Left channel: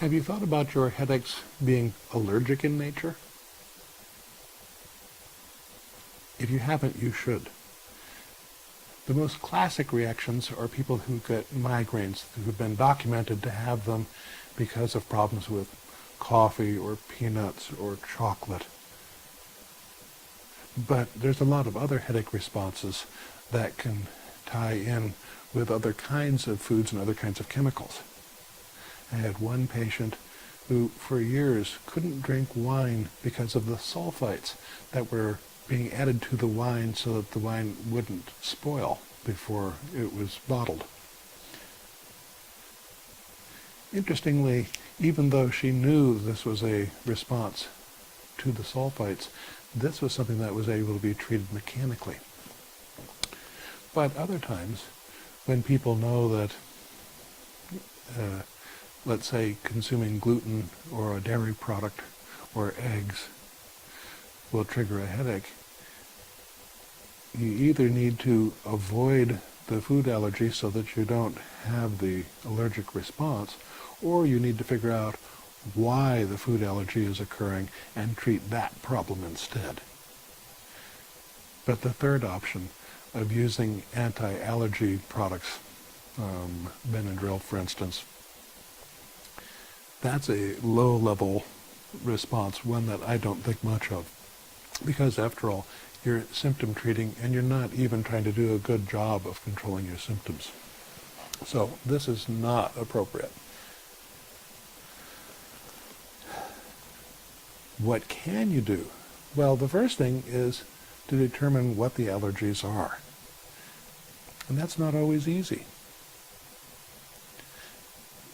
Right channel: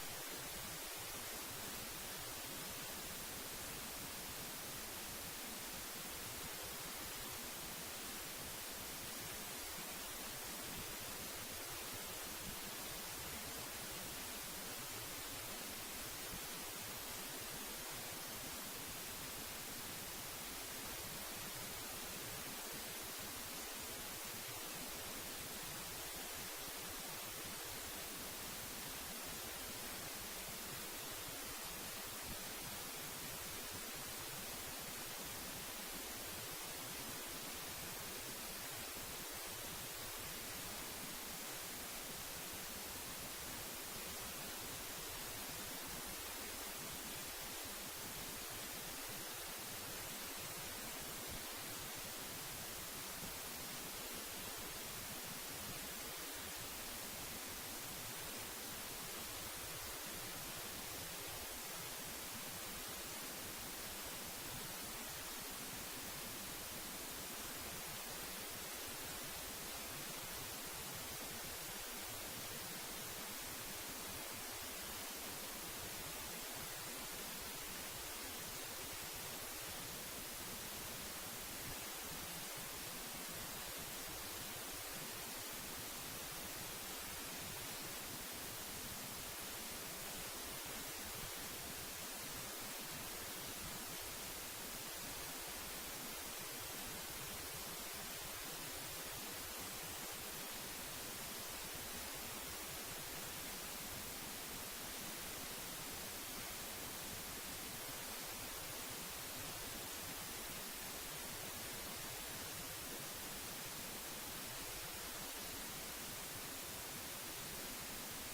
Have you thought about your headaches being allergic in nature? If you haven't, you should. The most classic reactions are people who get migraines, who have been documented to have them because of problems with coffee or peanuts or chocolate. But there's a lot of other headache responses that can tie in with other kinds of foods and other kinds of chemicals. I had one patient who for years couldn't drink wine because of the sulfites that were being added to the wine so that the wine wouldn't spoil before it was bottled. Interestingly, even though she knew this was a response to the sulfites, this was something that was able to be treated mechanically. But other times, when people know that let's say consuming gluten or a dairy product or eggs will trigger a headache, you either need to avoid the food allergy so that you don't have the allergic response, or you need to figure out why the food allergy is occurring and treat that problem instead. But the third option of using anti-allergy products, Benadryl for instance, that's a low-level response, one that I don't think much of. Because after all, you're symptom treating and you're not even trying to do a good job of controlling your symptoms. So this is not appropriate. What can you do? Well, the first thing is to determine what the allergies are. And that's not always easy.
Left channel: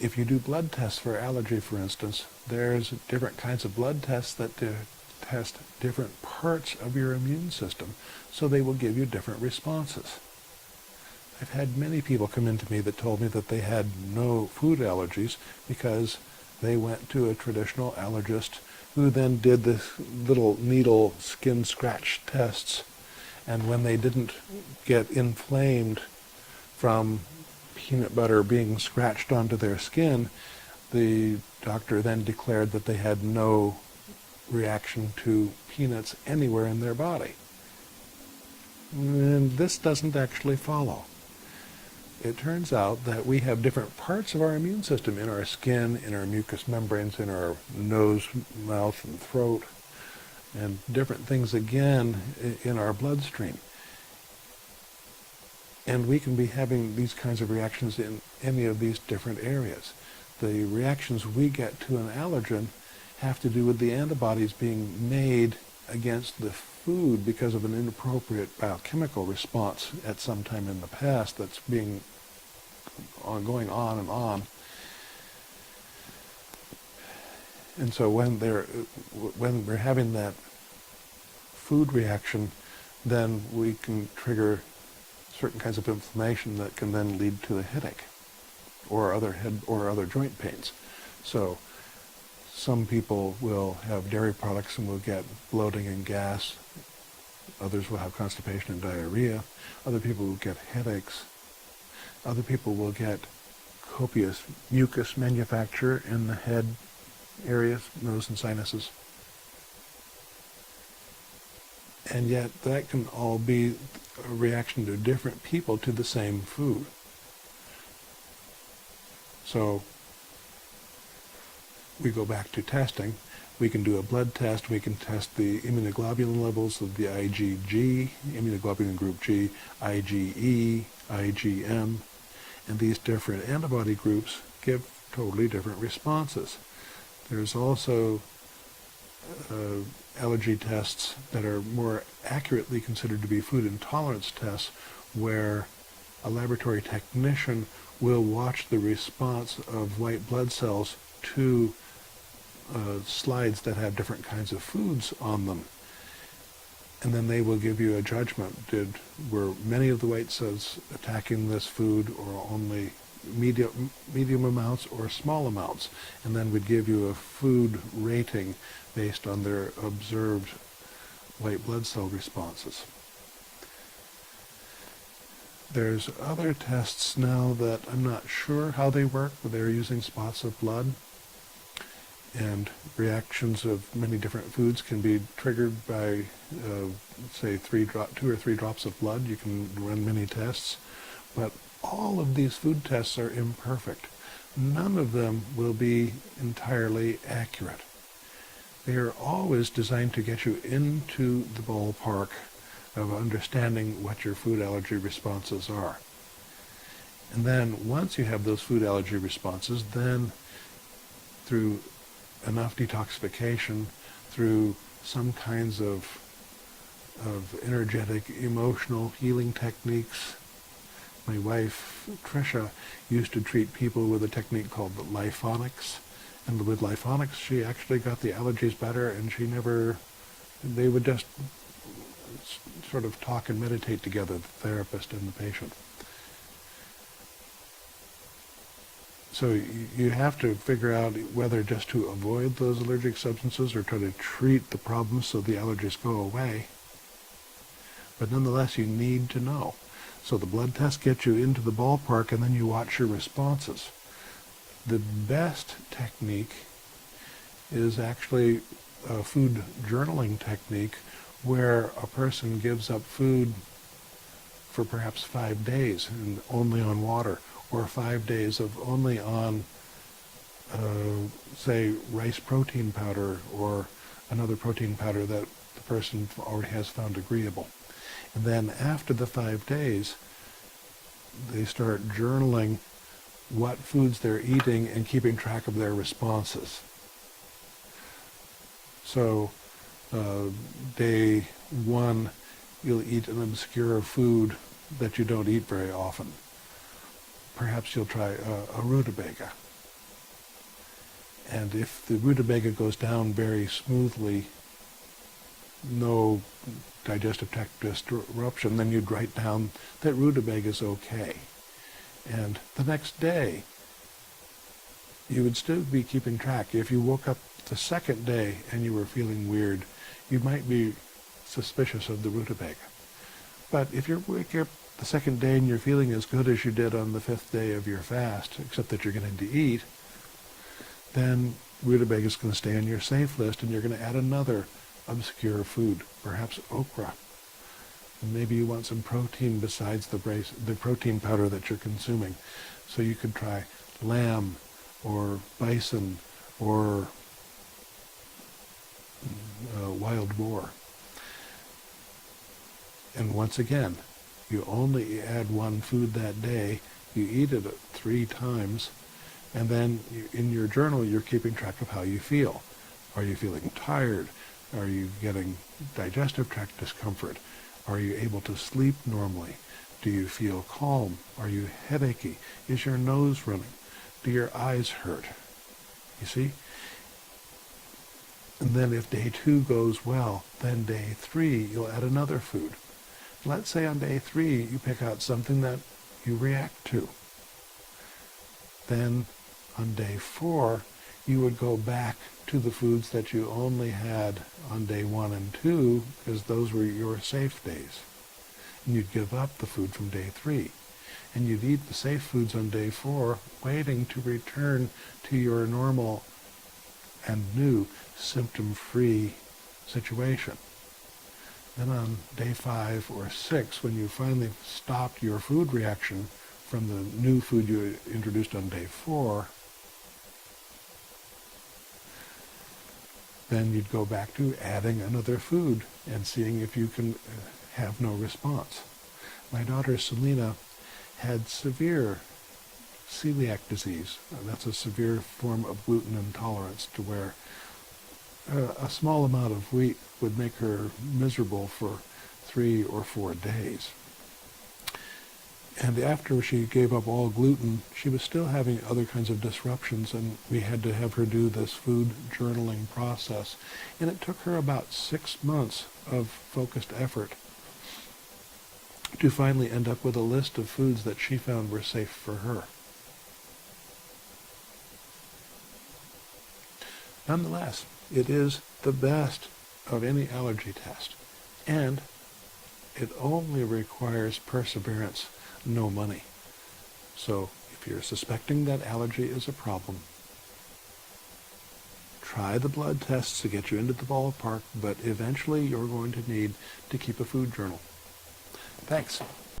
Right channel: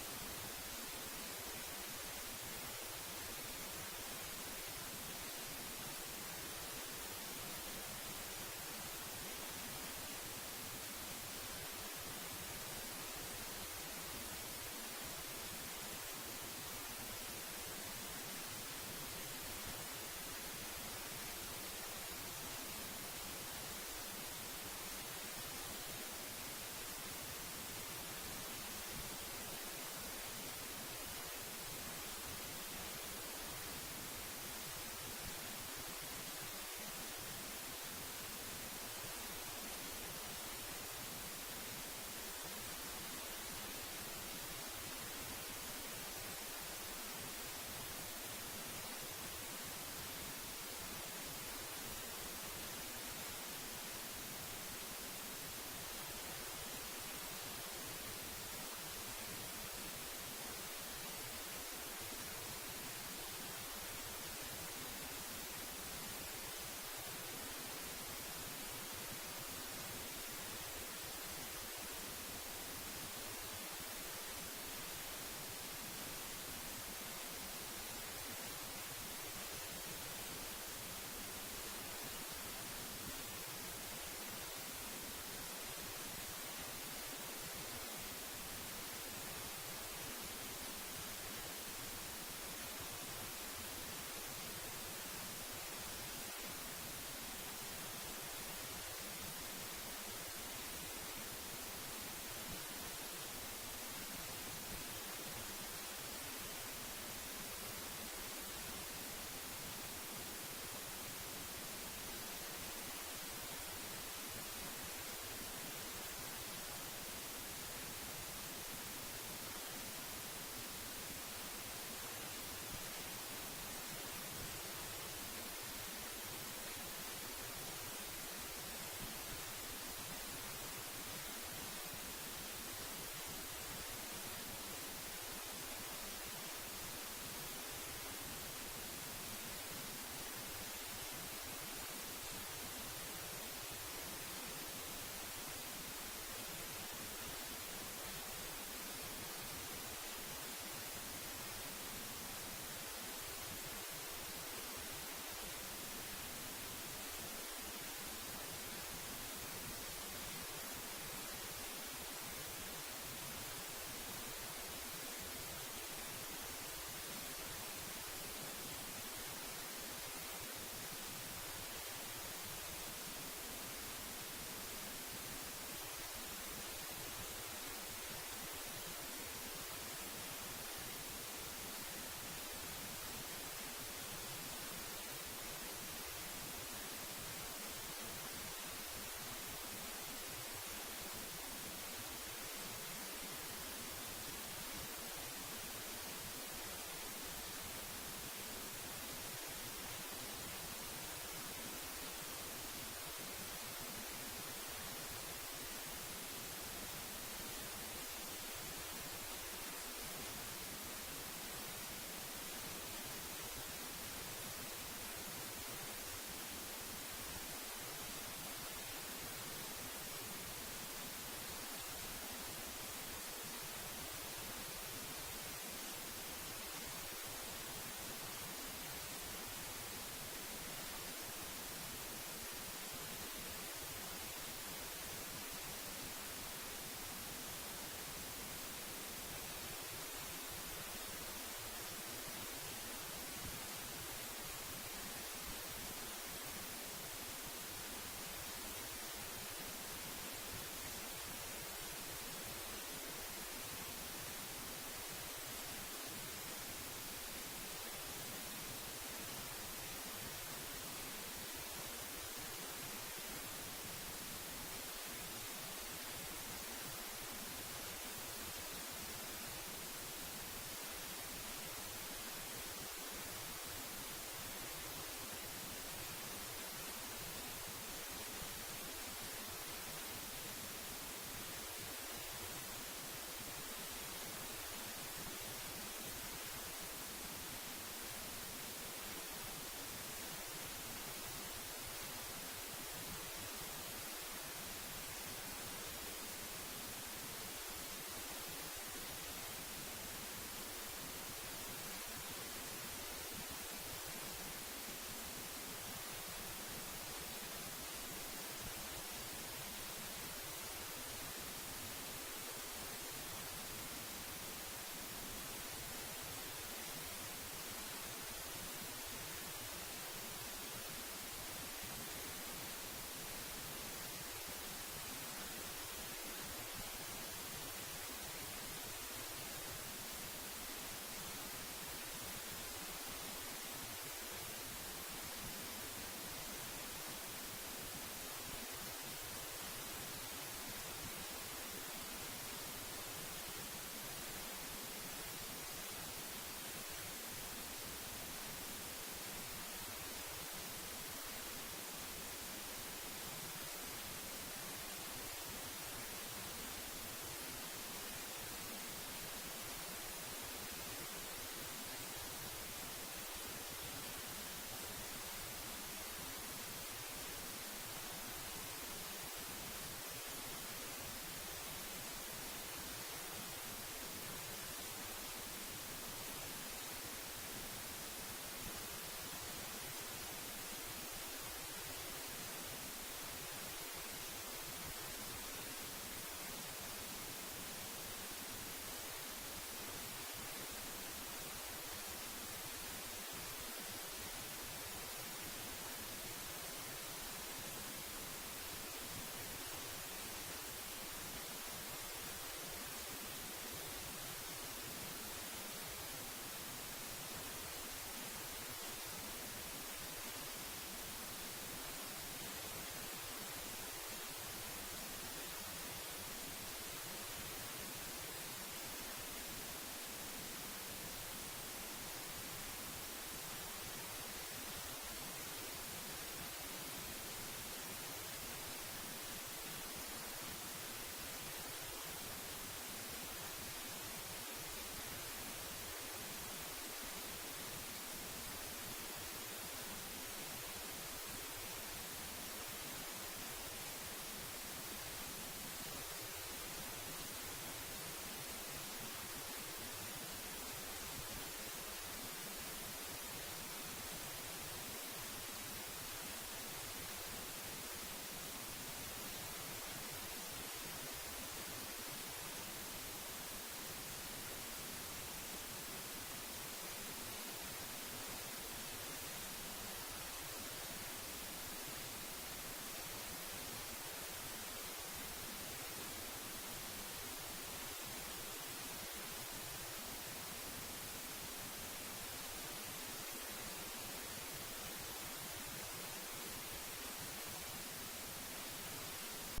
If you do blood tests for allergy, for instance, there's different kinds of blood tests that test different parts of your immune system, so they will give you different responses. I've had many people come in to me that told me that they had no food allergies because they went to a traditional allergist who then did this little needle skin scratch tests, and when they didn't get inflamed from peanut butter being scratched onto their skin, the doctor then declared that they had no reaction to peanuts anywhere in their body. And this doesn't actually follow. It turns out that we have different parts of our immune system in our skin, in our mucous membranes, in our nose, mouth, and throat, and different things again in our bloodstream. And we can be having these kinds of reactions in any of these different areas. The reactions we get to an allergen have to do with the antibodies being made against the food because of an inappropriate biochemical response at some time in the past that's going on and on. And so when we're having that food reaction, then we can trigger certain kinds of inflammation that can then lead to a headache or other joint pains. So some people will have dairy products and will get bloating and gas. Others will have constipation and diarrhea. Other people will get headaches. Other people will get copious mucus manufacture in the head area, nose and sinuses. And yet that can all be a reaction to different people to the same food. So we go back to testing. We can do a blood test. We can test the immunoglobulin levels of the IgG, immunoglobulin group G, IgE, IgM, and these different antibody groups give totally different responses. There's also allergy tests that are more accurately considered to be food intolerance tests, where a laboratory technician will watch the response of white blood cells to slides that have different kinds of foods on them. And then they will give you a judgment. Were many of the white cells attacking this food, or only medium amounts or small amounts? And then would give you a food rating based on their observed white blood cell responses. There's other tests now that I'm not sure how they work, but they're using spots of blood. And reactions of many different foods can be triggered by, say, 2 or 3 drops of blood. You can run many tests, but all of these food tests are imperfect. None of them will be entirely accurate. They are always designed to get you into the ballpark of understanding what your food allergy responses are. And then once you have those food allergy responses, then through enough detoxification, through some kinds of energetic, emotional healing techniques. My wife, Tricia, used to treat people with a technique called lifonics. And with lifonics, she actually got the allergies better, and they would just sort of talk and meditate together, the therapist and the patient. So you have to figure out whether just to avoid those allergic substances or try to treat the problems so the allergies go away. But nonetheless, you need to know. So the blood test gets you into the ballpark, and then you watch your responses. The best technique is actually a food journaling technique where a person gives up food for perhaps 5 days and only on water, or 5 days of only on, say, rice protein powder or another protein powder that the person already has found agreeable. And then after the 5 days, they start journaling what foods they're eating and keeping track of their responses. So day 1, you'll eat an obscure food that you don't eat very often. Perhaps you'll try a rutabaga. And if the rutabaga goes down very smoothly, no digestive tract disruption, then you'd write down that rutabaga is okay. And the next day, you would still be keeping track. If you woke up the second day and you were feeling weird, you might be suspicious of the rutabaga. But if you wake up the second day and you're feeling as good as you did on the 5th day of your fast, except that you're getting to eat, then rutabaga is going to stay on your safe list, and you're going to add another obscure food, perhaps okra. Maybe you want some protein besides the protein powder that you're consuming. So you could try lamb or bison or wild boar. And once again, you only add one food that day, you eat it 3 times, and then in your journal you're keeping track of how you feel. Are you feeling tired? Are you getting digestive tract discomfort? Are you able to sleep normally? Do you feel calm? Are you headachy? Is your nose running? Do your eyes hurt? You see? And then if day 2 goes well, then day 3 you'll add another food. Let's say on day 3 you pick out something that you react to. Then on day 4 you would go back to the foods that you only had on day 1 and 2, because those were your safe days. And you'd give up the food from day 3. And you'd eat the safe foods on day 4, waiting to return to your normal and new symptom-free situation. Then on day 5 or 6, when you finally stop your food reaction from the new food you introduced on day 4, then you'd go back to adding another food and seeing if you can have no response. My daughter Selena had severe celiac disease. That's a severe form of gluten intolerance, to where a small amount of wheat would make her miserable for 3 or 4 days. And after she gave up all gluten, she was still having other kinds of disruptions, and we had to have her do this food journaling process. And it took her about 6 months of focused effort to finally end up with a list of foods that she found were safe for her. Nonetheless, it is the best of any allergy test, and it only requires perseverance, no money. So if you're suspecting that allergy is a problem, Try the blood tests to get you into the ballpark, but eventually you're going to need to keep a food journal. Thanks.